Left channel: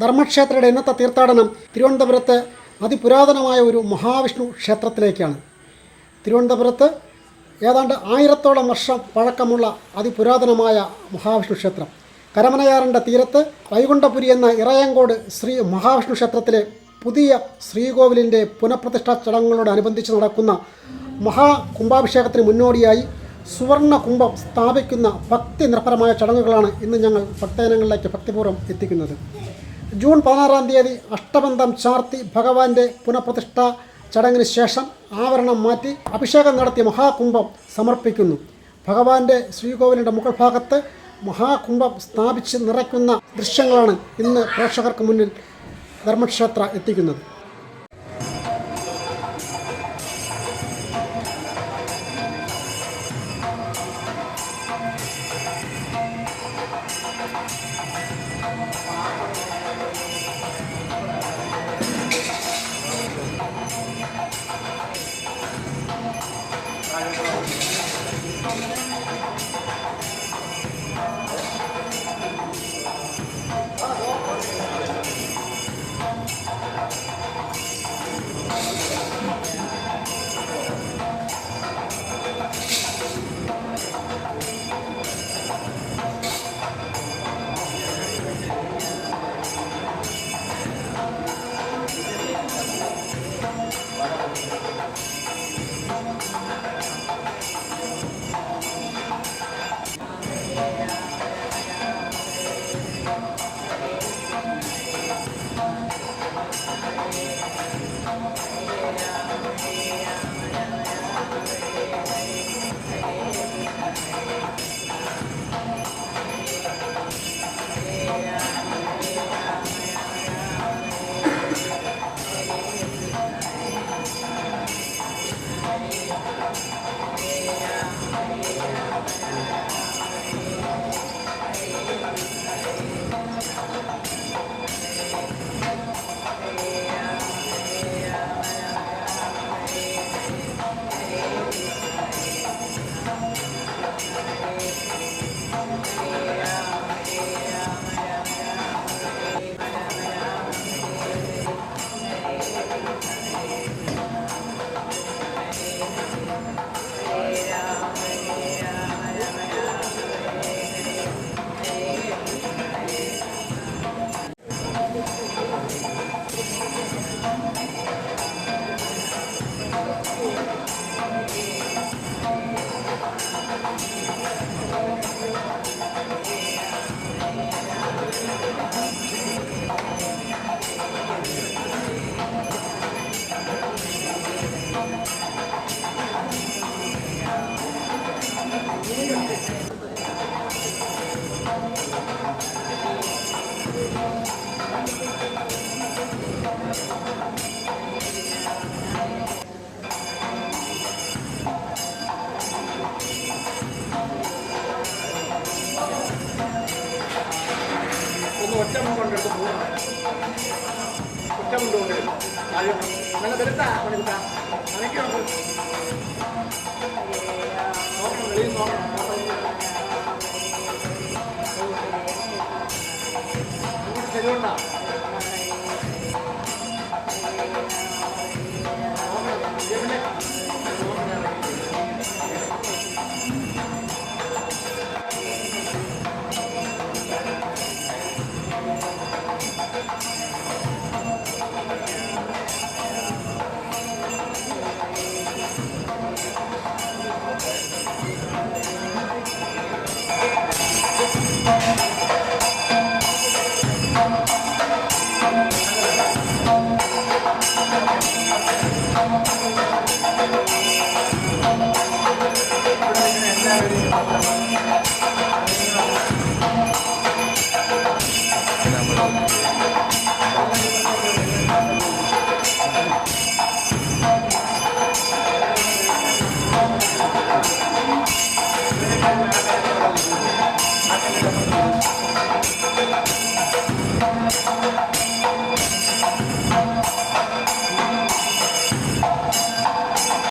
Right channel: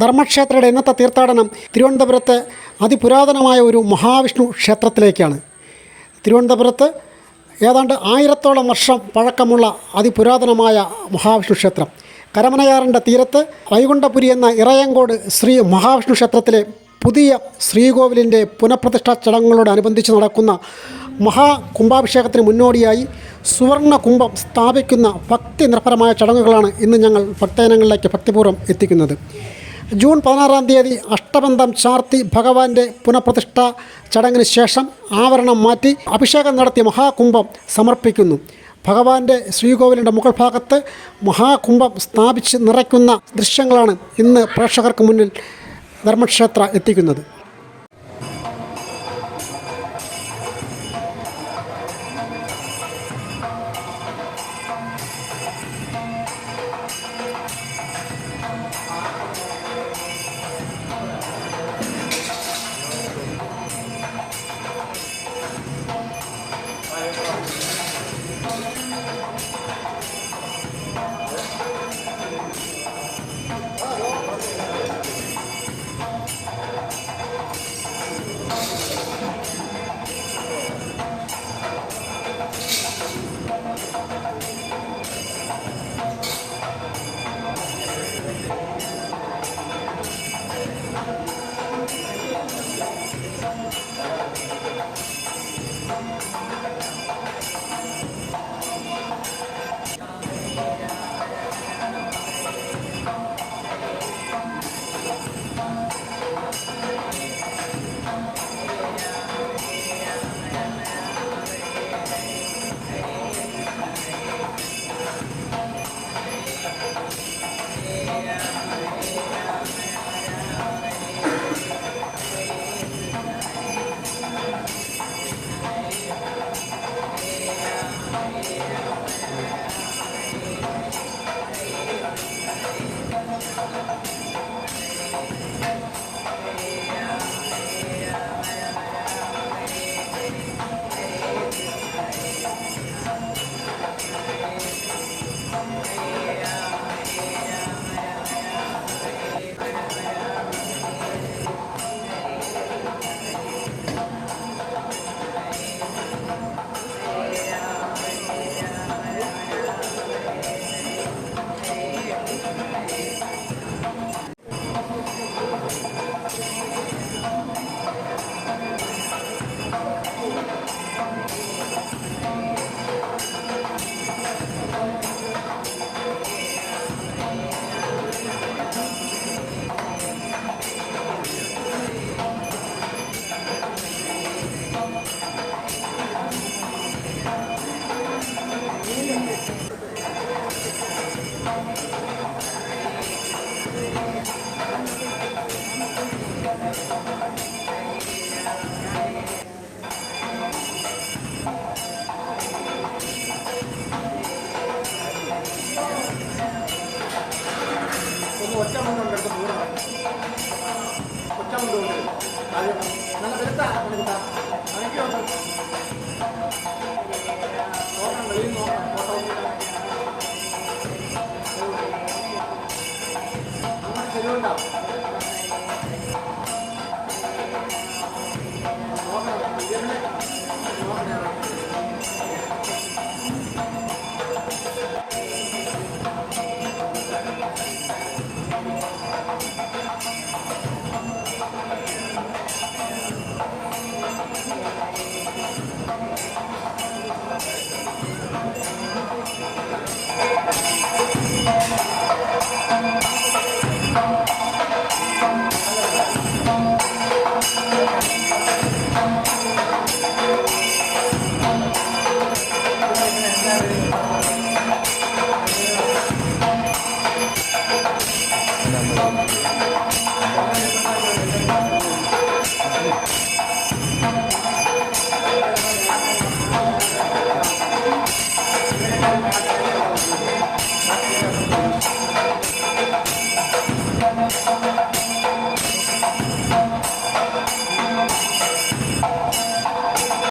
ധർമ്മക്ഷേത്രയുടെ ഇന്നത്തെ തീർത്ഥാടനം തിരുവനന്തപുരത്തെ അതിപുരാതനമായ ഒരു മഹാവിഷ്ണു ക്ഷേത്രത്തിലേക്കാണ്. തിരുവനന്തപുരത്ത് ഏതാണ്ട് 1000ഓളം വർഷം പഴക്കമുള്ള അതിപുരാതനമായ മഹാവിഷ്ണു ക്ഷേത്രം. കരമനയാറിൻ്റെ തീരത്ത് വൈകുണ്ഠപുരി എന്ന ഇറയങ്കോട് ശ്രീ മഹാവിഷ്ണു ക്ഷേത്രത്തിലെ പുതിയ ശ്രീകോവിലിൻ്റെ പുനഃപ്രതിഷ്ഠാ ചടങ്ങുകളോടനുബന്ധിച്ച് നടക്കുന്ന മഹാകുംഭാഭിഷേകത്തിന് മുന്നോടിയായി സുവർണ കുംഭം സ്ഥാപിക്കുന്ന ഭക്തി നിർഭരമായ ചടങ്ങുകളാണ് ഇന്ന് ഞങ്ങൾ ഭക്തജനങ്ങളിലേക്ക് ഭക്തിപൂർവ്വം എത്തിക്കുന്നത്. ജൂൺ 16-ാം തീയതി അഷ്ടബന്ധം ചാർത്തി ഭഗവാന്റെ പുനഃപ്രതിഷ്ഠാ ചടങ്ങിന് ശേഷം ആവരണം മാറ്റി അഭിഷേകം നടത്തി മഹാകുംഭം സമർപ്പിക്കുന്നു. ഭഗവാന്റെ ശ്രീകോവിലിൻ്റെ മുകൾ ഭാഗത്ത് മഹാകുംഭം സ്ഥാപിച്ച് നിറയ്ക്കുന്ന ദൃശ്യങ്ങളാണ് ഇന്ന് പ്രേക്ഷകർക്ക് മുന്നിൽ ധർമ്മക്ഷേത്ര എത്തിക്കുന്നത്.